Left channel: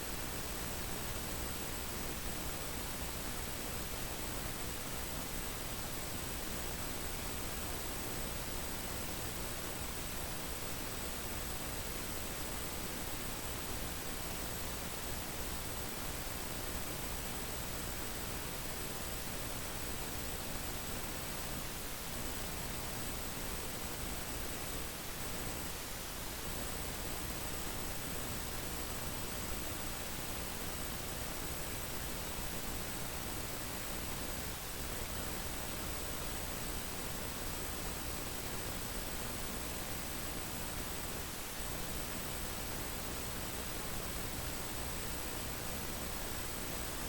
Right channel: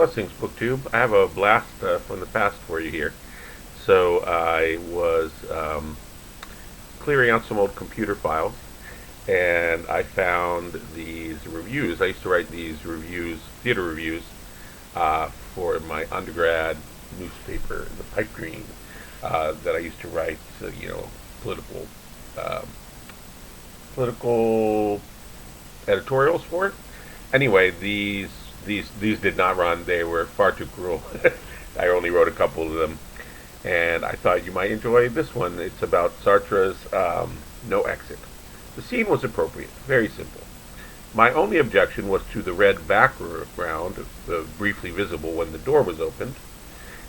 Blessings, BookTube. I have a blast from the past for you here. So I was clearing out some old computer files, and I found these reviews. I used to write these reviews, theater reviews, for my undergrad newspaper, the Pipe Dream, that I used to write, political, um, political editorials for. Anyway, these did not run. They were far too cruel. I only wrote a couple of them, and I thought you might enjoy this one. It's about Sartre's No Exit. The scene was appropriate, very simple. My only objection was to the red background, briefly visible when the door was opened,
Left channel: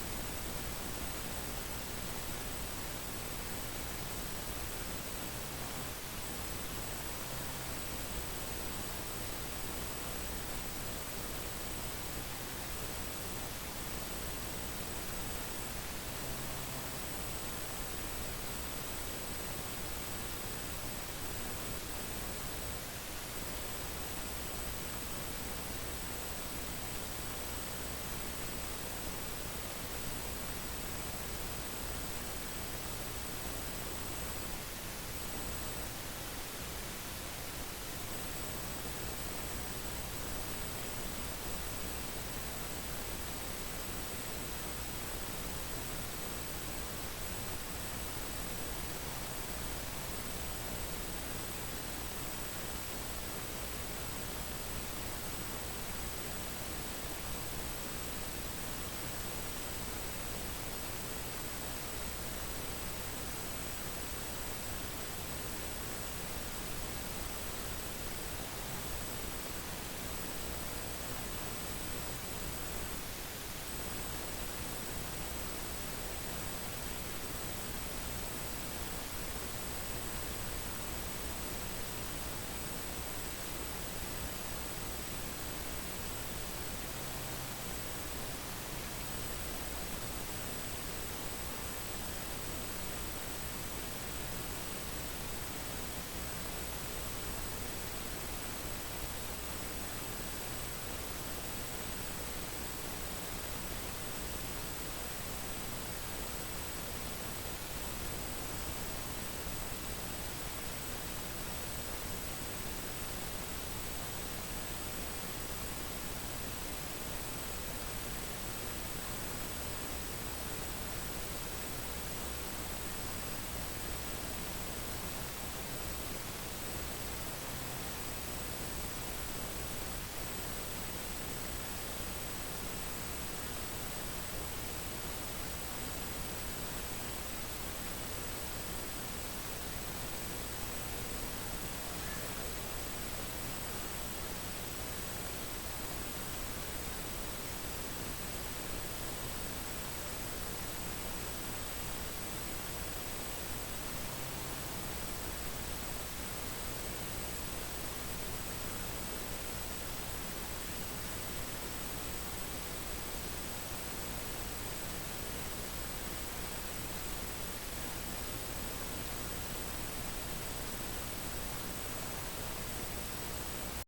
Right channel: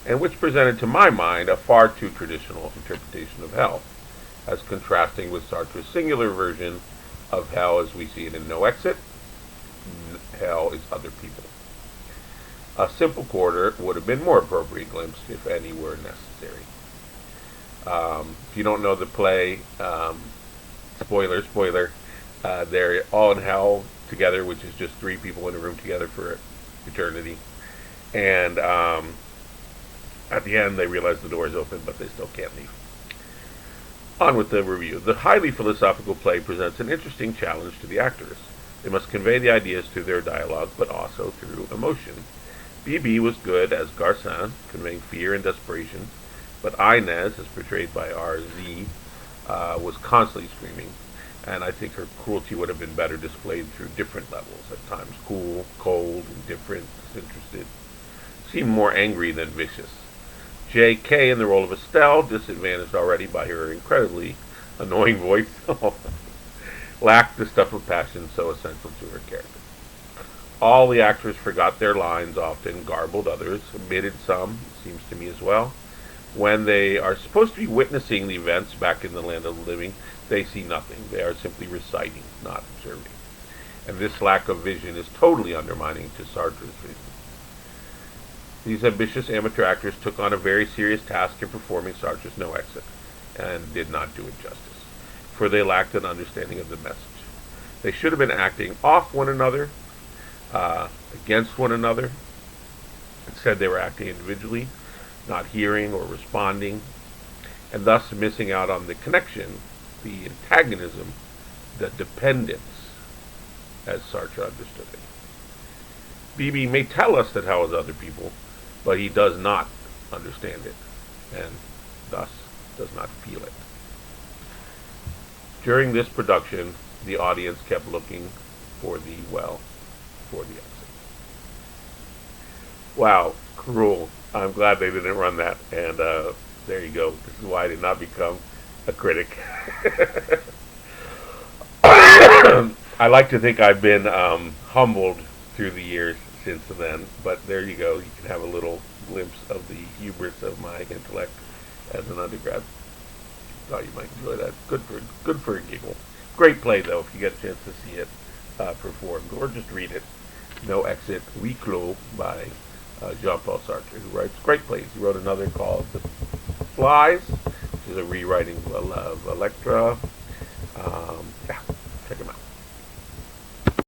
and which presented to my mind a far too traditional interpretation of hell, as contrasting with Sartre's singular version of hell as we see it in No Exit. Hell is other people. A simple quarter would have been more appropriate glimpse, if any were necessary. If you don't know the play, spoiler, they're all in hell together, which is just three people in a room together for eternity. And at the end, they realize the door is open, but they still can't leave. On with the review. The highly philosophical play presents an interesting challenge to the actors. They must convey the ideas through their dialogue, but also through emotion. B.B. was good as Garcin, conveying fear and desperation, but Inez, as portrayed by R.Z., was constantly screaming, and I think her cruelty would have been better displayed through different levels, at times cool, cold, indifferent, interested, seemed more angry than vicious. J.K. in the role of Estelle, disadvantaged already by her incredibly annoying voice, lacked the stuff of passion so essential to her character. All the actors forgot their lines, often garbled others, omitted some, seems to me as well. When they are supposed to be witnessing the events back in the land of the living, they see nothing. They are simply reciting, not observing. And this lack of vision is totally undermining to Sartre's vision. These ambitious amateur actors took on a very serious task in performing Sartre's No Exit, and did not do it justice, for they lacked an understanding of the message. They should have been acting off one another, against one another. Instead, they were acting individually, not hearing or responding, and thus missing out on the connection, the antagonism, the dependence, as Sartre understood it. B.B. may tell us that hell is other people, but he does not understand it, and thus does not feel it. During this production, the audience kept looking for the exit. Wow, cruel. I'm glad they didn't run that, and there you go. This is why I did not become a critic. I like to think I've been humbled through the years since then, but there you go. You can have a little glimpse of the hubris of my intellect as an undergrad. Thought you might enjoy that. Good for people. Great play, though, if you get a chance to see it performed, or just read it. No Exit, Huis Clos by Jean-Paul Sartre, who writes great plays. He wrote another called The Flies, which is a rewriting of Electra.